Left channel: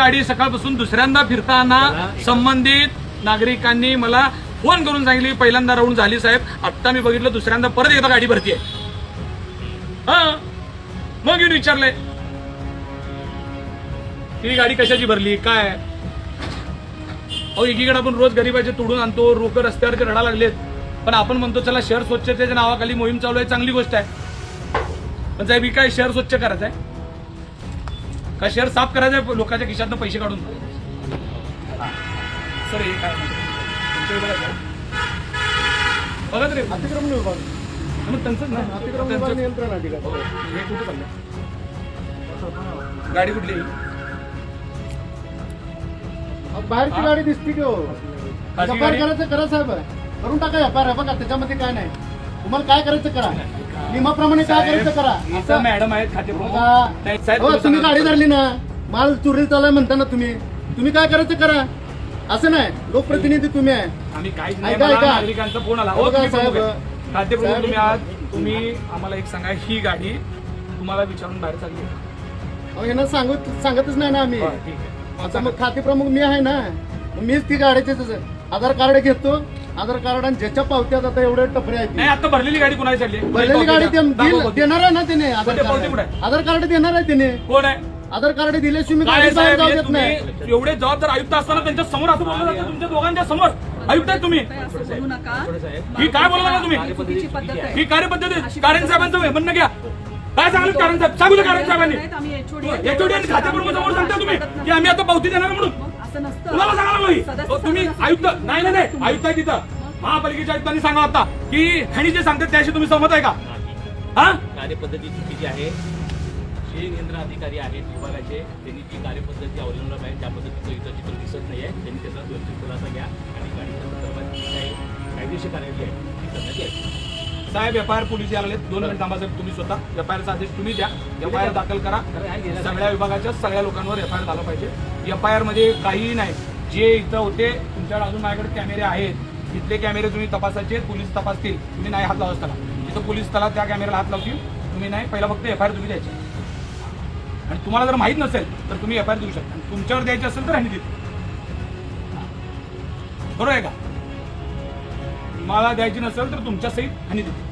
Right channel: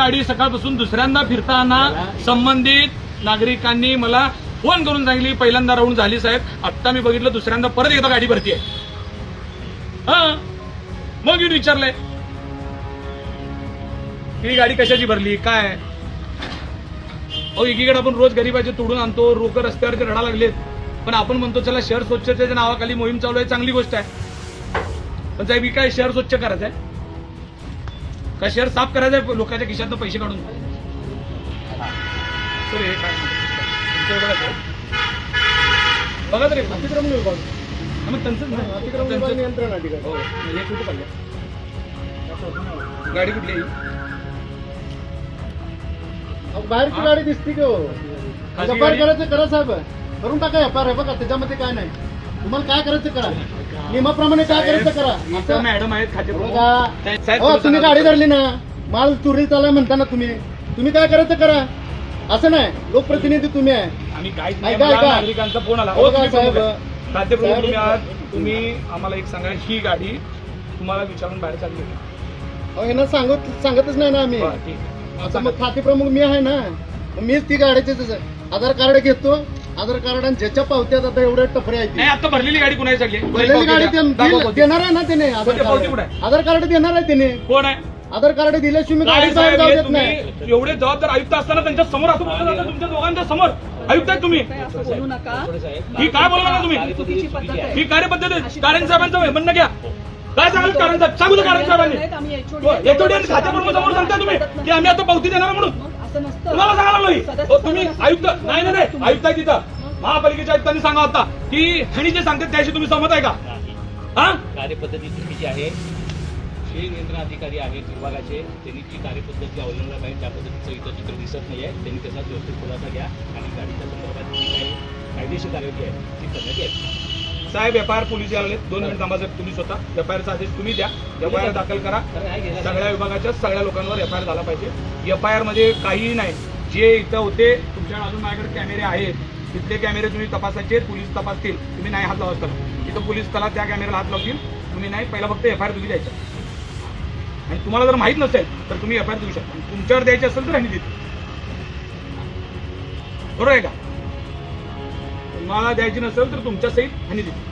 गाडी सकाळपासून दुसऱ्यांदा फिरताना संबंधित नागरिकांनी मला फोन करून सांगितली पहिल्यांदा राऊंड झाली साहेब, आत्ता मी बघितलं दुसऱ्यांदा परत एकदा गाडी भरती आहे. हा मग येऊन विचारलंय ही गाडी कशाची भरली काय. अहो एकीकडे आपण रोज गरिबाचे तोडून आणतो, रोक रस्त्यावरचे रडा लागलेत, पण आपण म्हणतो चला शहर स्वच्छतेच्या नावाखाली मोहीम चालू आहे, चांगली गोष्ट आहे. पण साहेब ही काय शहर स्वच्छ करायचं आहे का शहर साफ करायचं आहे लोकांच्या खिशातनं पैसे काढून. सर हे काय बघा तरी अतिक्रमण विभाग मग त्यांचं नियंत्रण हे कुठं पडलं गाडी कुठली बाहेरची गाडी दिसती की हो. व्यापार करायचं करा साहेब, करून टाका व्यापार. बघा त्याच्यामध्ये काय नाही, तुम्हाला काय करायचं करा, नियमाप्रमाणे काय करायचं करा. मॅडम आहेत खाते तुम्ही गाडी धरली ना, माल चोरीला चाललाय म्हणताना तुम्ही काय करायचं करा. असं नाही, लोकप्रतिनिधी तुम्ही आहे. आम्ही काहीच ऐका नागरिकांचा फोन आला साहेब. तुम्ही आम्हाला एक सांगा, ही गाडी तुम्हाला विचारून बाहेर चालली यांना सांगतच नाही ना आम्ही. आता मग खाते प्रमुख मी आहे ना, मीच ती गाडीचे आधार कार्ड घेतो. आधार कार्ड आणि ज्याच्या पावत्यात आता एवढे टपरे आहेत. नाही आता भरलेली गाडी कुणाची चालली, भरलेली गाडी देणार आहे ना त्याने. आधार कार्ड देणार आहे त्याने. कोण आहे आधार कार्ड दिल्याशिवाय मी गाडी जाऊ देत नाही. एवढे जबाबदार आयुक्त असताना त्यांच्या समोर असं बोललं जातं, तुमच्या दोघांच्या समोर आयुक्त आहे तुम्ही. ही काय बोलला तुम्ही, ही कार्यपद्धती आहे. कारण साहेबांचं म्हणणं घ्या. काय सांगाल कारण साहेब, सांगू दे कारण साहेबांनी एचओडी खातेप्रमुख समोर सांगता तुम्ही की आम्ही आता पावती देणार म्हणून. तुम्हाला सांगायला तुम्ही आयुक्त नाही आयुक्त आहे तिथं, महापालिकेच्या आयुक्तांनी सांगा होता की आणि जे सांगतात त्याशी तुम्ही सहमत आहे का. हा कार्यपद्धती चुकीची आहे. जे नियंत्रण अधिकारी आहेत विभागाचे त्यांनी जी कार्यपद्धती अवलंबला पाहिजे त्या पद्धतीचं इथं चित्र दिसत नाही आहे. त्यांनी त्याचा व्यवस्थित खुलासा घ्या आणि गाडीच्या संदर्भात जी काही कायदेशीर कार्यवाही आहे ती करण्यात येईल. साहेब एफआयआर पोलीस आले 2 मिनिट थांबा साहेब, तुम्ही स्वतः एफआयआरचा आदेश तुम्ही द्या. एफआयआर दाखल करा. सगळ्या विभागाच्या सगळ्या लोकांवर एफआयआर झाला पाहिजे. एफआयआर मध्ये काहीही नाही. जे इथं होते तुमच्याकडे अजून माझ्याकडे कॅमेरे आहेत, तिथले कॅमेरे तुम्ही तपासायचे, पोलीस तपासतील. तुम्ही नाही हात लावा त्याला, तिथं पोलीस त्याला त्या कॅमेऱ्याला हात लावतील. तुम्ही नाही, पहिला फक्त एफआयआर तुम्ही द्यायचा. आणि तुम्हाला जर माहित नसेल तर तुम्ही एफआयआर देऊ शकता. आणि तुमच्यावर द्यायची असेल तर हानी देतो. बरोबर आहे का. तुम्हाला द्यायची नसेल तर तुमच्या सहित हानी देतो.